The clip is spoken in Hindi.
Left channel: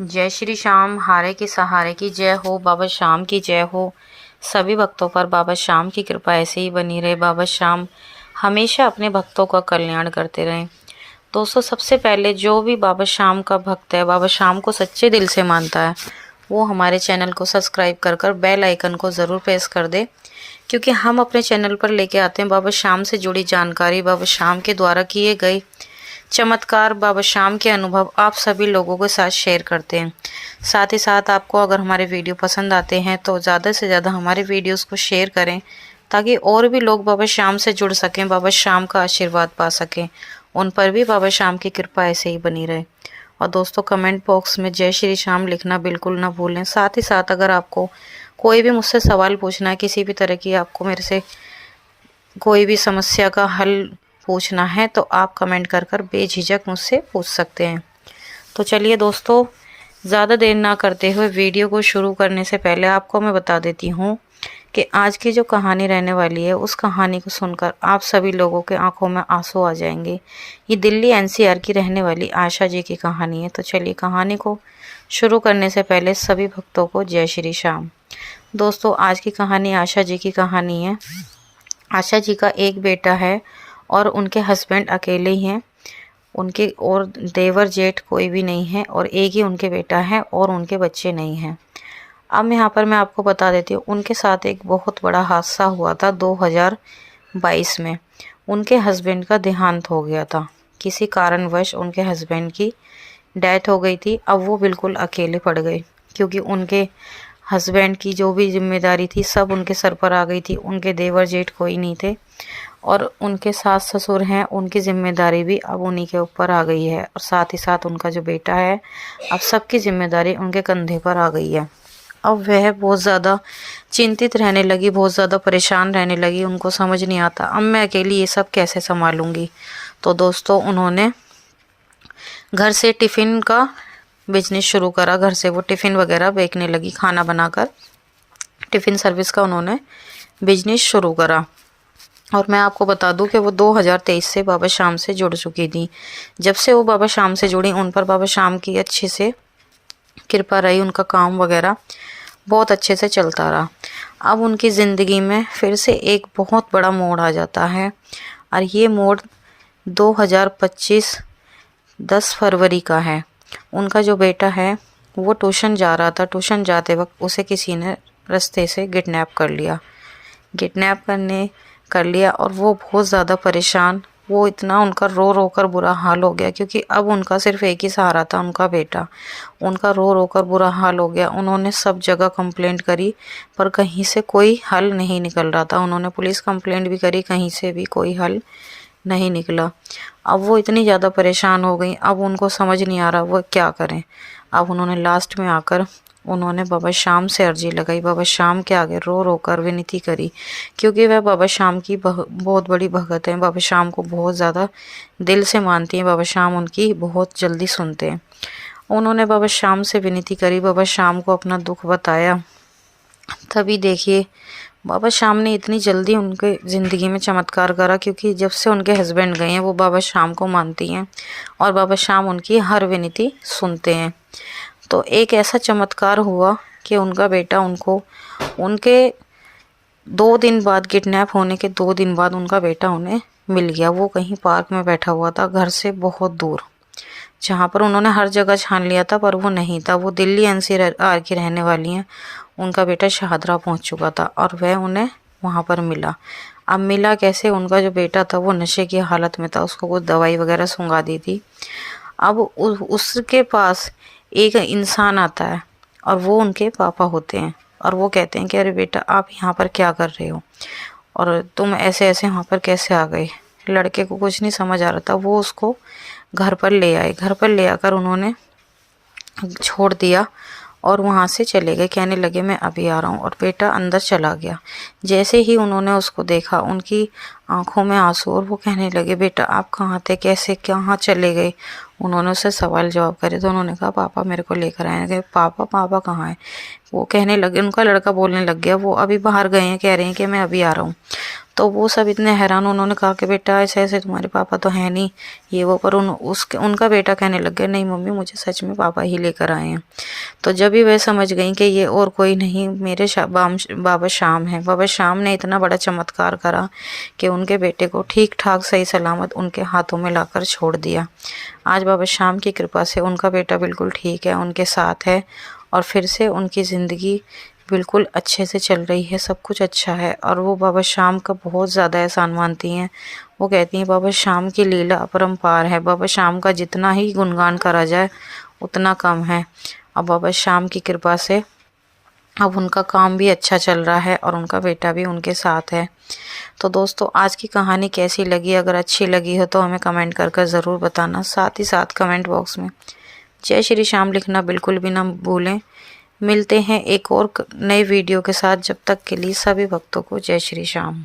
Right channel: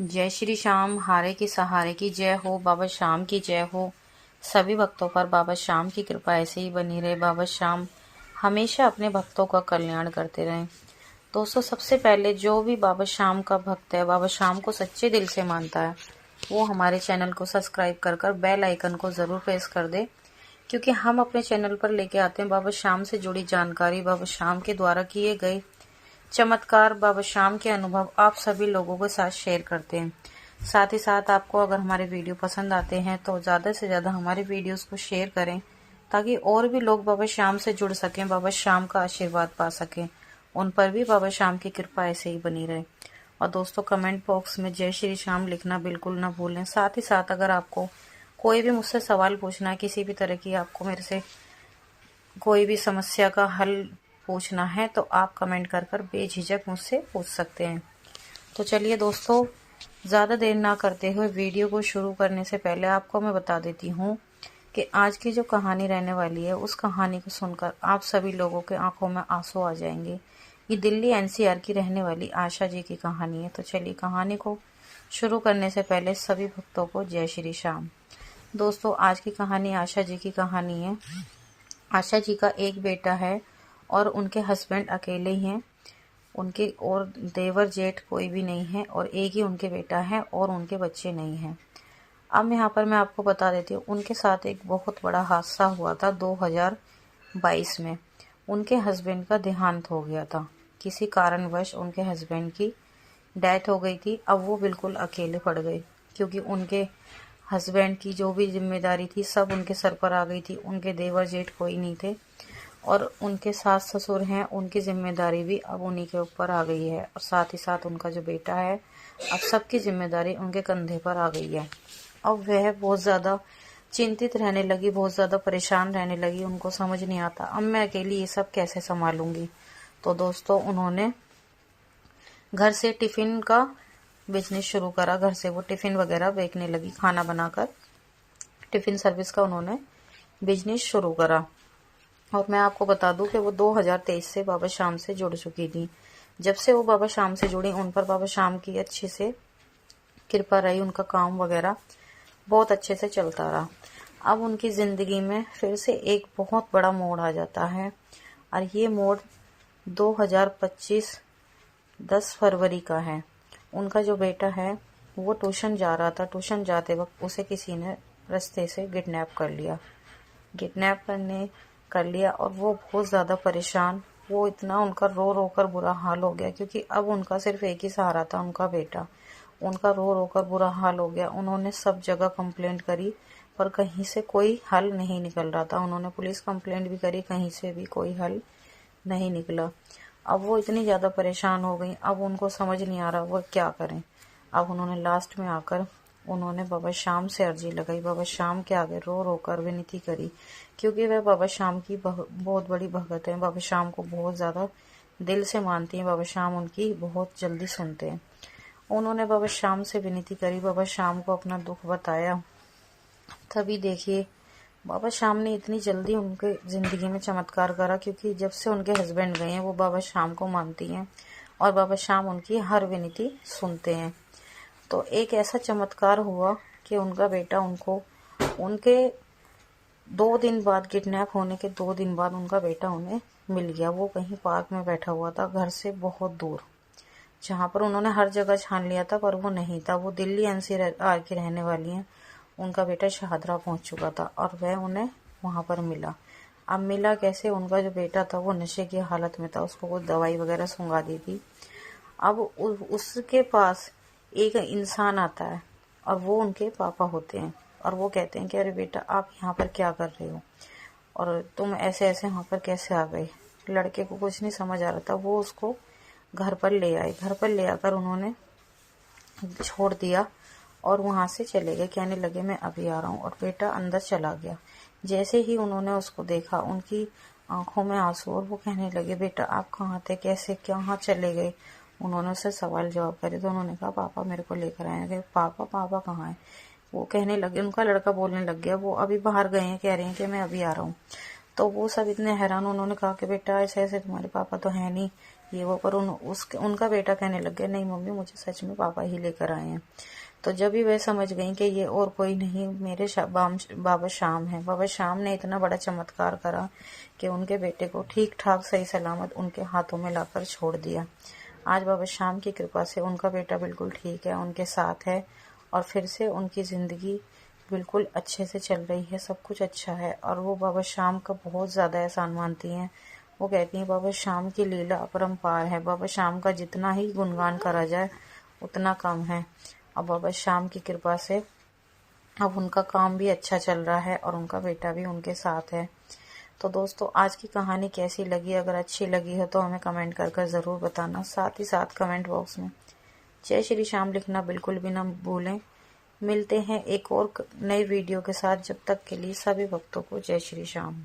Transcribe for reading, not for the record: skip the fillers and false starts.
जय श्री श्याम, हारे के सहारे की जय हो, बाबा श्याम की जय हो। सभी भक्तों पर बाबा श्याम की कृपा ऐसे ही बनी रहे। बाबा श्याम हमेशा अपने भक्तों का कल्याण करते रहें। दोस्तों, सबसे पहले जो भी बाबा श्याम का भक्त है, बाबा श्याम को सच्चे दिल से मानता है, वो हमारे चैनल को सब्सक्राइब कर बेल आइकन को ज़रूर प्रेस कर दे, क्योंकि हम अपने चैनल पर लेके आते हैं बाबा श्याम से जुड़ी जानकारी, बाबा श्याम के द्वारा किए गए चमत्कार, बाबा श्याम के अनुभव आप सभी लोगों के साथ शेयर करते हैं। साथ ही साथ आपको अगर हमारे वीडियो पसंद आते हैं तो ज़्यादा से ज़्यादा हमारे वीडियोस को शेयर करें, ताकि और भी लोग बाबा श्याम से जुड़ सकें, बाबा श्याम का आशीर्वाद पा सकें, उन पर भी बाबा श्याम की कृपा ऐसे ही बनी रहे। और दोस्तों, कमेंट बॉक्स में जय श्री श्याम लिखना बिल्कुल ना भूलें। साथ ही साथ अगर आपको कोई भी मुझसे सवाल पूछना है, किसी भी तरह की आपको मेरे से कोई भी समस्या का हल पूछना है, तो आप कमेंट कर बेझिझक मुझसे पूछ सकते हैं। तो चलिए दोस्तों, ज़्यादा देर ना करते हुए वीडियो को शुरू करने से पहले आपको मैं बता देती हूँ कि आज की जो कहानी रहने वाली है, उस कहानी को सुनकर आप सभी लोगों के आंखों में आंसू आ जाएंगे। ये दिल्ली एनसीआर की रहने वाली आशा जी की कहानी है। तो चलिए, कहानी को शुरू करने से पहले सभी भक्तों को जय श्री श्याम। दोस्तों, आज की कहानी आशा जी की कहानी है। आशा जी का एक बेटा है और उनके हस्बैंड अकेले ही हैं। उनके और देवर जेठ कोई भी नहीं है, और एक ही उनके बेटा है और उनके बच्चे नहीं हैं। अब यहाँ पर मैं आपको बता देती हूँ, उनके साथ एक बहुत बड़ा हादसा हुआ था 2022 में। उनके हस्बैंड का देहांत हो गया था। किसी कारणवश उनके हस्बैंड की डेथ हो गई थी। अब वो बिल्कुल अकेले पड़ गए, क्योंकि उनके हस्बैंड की जो भी जिम्मेदारी थी सब उनके सर पर आ गई थी। उनके देवर जेठ कोई नहीं थे, और उनके सास ससुर हैं, उनकी जिम्मेदारी भी अब उन्हीं के ऊपर आ गई है। और साथ ही साथ उनका जो बेटा है, अब सबकी जिम्मेदारी उनके कंधे पर आ गई है। अब वह बहुत ज़्यादा चिंतित रहने लगी, बहुत ज़्यादा परेशान रहने लगी। उनको समझ नहीं आता, अब मैं अकेली ये सब कैसे संभालूंगी। तो दोस्तों, उन्होंने घर से टिफ़िन का बिजनेस शुरू करा। घर से वो टिफ़िन वगैरह बेचने लगी, खाना बनाकर टिफ़िन सर्विस का उन्होंने बिजनेस शुरू करा। और मैं आपको बता दूं कि वो 2023 से बाबा श्याम से जुड़ चुकी थी। जब से वो बाबा श्याम से जुड़ी, उन पर बाबा श्याम की अच्छे से कृपा रही। उनका काम वगैरह बहुत अच्छे से चलता रहा। अब उनकी ज़िंदगी में फिर से एक बहुत बड़ा मोड़ आ जाता है, और ये मोड़ 2025 10 फरवरी का है। उनका जो बेटा है वो ट्यूशन जा रहा था। ट्यूशन जाते वक्त उसे किसी ने रास्ते से किडनैप कर लिया, और वो बहुत ज़्यादा परेशान। वो इतना उनका रो रो कर बुरा हाल हो गया, क्योंकि अब उनका सिर्फ एक ही सहारा था, उनका बेटा। उनका रो रो कर बुरा हाल हो गया। उन्होंने सब जगह कंप्लेंट करी, पर कहीं से कोई हल नहीं निकल रहा था। उन्होंने पुलिस कंप्लेंट भी करी, कहीं से भी कोई हल नहीं निकला। अब वो इतनी ज़्यादा परेशान हो गई, अब उनको समझ नहीं आ रहा वो क्या करें। अब उन्होंने लास्ट में आकर उन्होंने बाबा श्याम से अर्जी लगाई, बाबा श्याम के आगे रो रो कर विनती करी, क्योंकि वह बाबा श्याम की बहुत बड़ी भगत हैं। बाबा श्याम को बहुत ज़्यादा दिल से मानती हैं। बाबा श्याम उनकी बहुत जल्दी सुनते हैं। उन्होंने बाबा श्याम से विनती करी, बाबा श्याम को अपना दुख बताया। तभी देखिए, बाबा श्याम ने इतनी जल्दी उनके ज़िंदगी में चमत्कार करा, क्योंकि जब से उनके हस्बैंड गए हैं वो बाबा श्याम को मानती हैं, और बाबा श्याम उनकी हर विनती सुनते हैं। तो एक ऐसा चमत्कार हुआ कि उनका बेटा उनको उनके 2 दिन बाद, किडनैप होने के 2 दिन बाद, उनका बेटा उन्हें मिल गया। वो कहीं पार्क में बैठा हुआ था, घर से बहुत दूर, जहाँ पर उन्होंने हर जगह छान लिया था, पर वो नहीं था। वो दिल्ली एनसीआर की रहने वाली हैं। उनका बेटा शाहदरा पहुँच चुका था, और वह उन्हें वहाँ पर मिला। अब मिला कैसे? उनका जो बेटा था वो नशे की हालत में था, उसको कुछ दवाई वगैरह सुंघा दी थी। अब उसके पास एक इंसान आता है, और वो उनके पापा होते हैं, और वो कहते हैं कि अरे बेटा, आप यहाँ पर क्या कर रहे हो, और तुम ऐसे ऐसे वहाँ पर कैसे आ गए। लड़के को कुछ नहीं समझ आ रहा था। वो उसको घर पर ले आए। घर पर ले आकर उन्होंने छोड़ दिया, और वहाँ से चले गए। कहने लगे मैं अभी आ रहा हूँ, और बेटा अंदर चला गया। जैसे ही उन्होंने उसको देखा, उनकी आंखों में आंसू, और वो कहने लगे बेटा आप कहाँ थे, कैसे कहाँ चले गए। उन्होंने उससे सवाल जवाब करे, तो उन्होंने कहा पापा मेरे को लेकर आए। गए पापा कहाँ है? वो कहने लगे, उनका लड़का बोलने लग गया, वो अभी बाहर गए हैं, कह रहे हैं कि मैं अभी आ रहा हूँ। तो वो सब इतने हैरान, उन्होंने कहा कि बेटा ऐसे ऐसे तुम्हारे पापा तो हैं नहीं, ये वो। पर उनका बेटा कहने लग गया, नहीं मम्मी, मुझे सच में पापा ही लेकर आए हैं। तो जब भी वह समझ गई कि ये और कोई नहीं, मेरे बाबा श्याम हैं। बाबा श्याम ने इतना बड़ा चमत्कार करा कि उनके बेटे को ठीक ठाक सही सलामत उनके हाथों में लाकर छोड़ दिया। आज बाबा श्याम की कृपा से उनका बेटा बिल्कुल ठीक है, उनके साथ है, और फिर से उनकी ज़िंदगी बिल्कुल अच्छे से चल रही है, सब कुछ अच्छा है। और वो बाबा श्याम का बहुत ज़्यादा एहसान मानती हैं। वो कहती हैं बाबा श्याम की लीला अपरंपार है, बाबा श्याम का जितना ही गुणगान करा जाए उतना कम है। अब बाबा श्याम की कृपा से अब उनका काम भी अच्छा चल रहा है और उनका बेटा भी उनके साथ है। तो दोस्तों, आज की कहानी कैसी लगी? अगर अच्छी लगी हो तो हमें कमेंट कर ज़रूर बताना। साथ ही साथ कमेंट बॉक्स में जय श्री श्याम लिखना बिल्कुल भी ना भूलें। मिलते हैं एक और नए वीडियो के साथ। जब तक के लिए सभी भक्तों को जय श्री श्याम।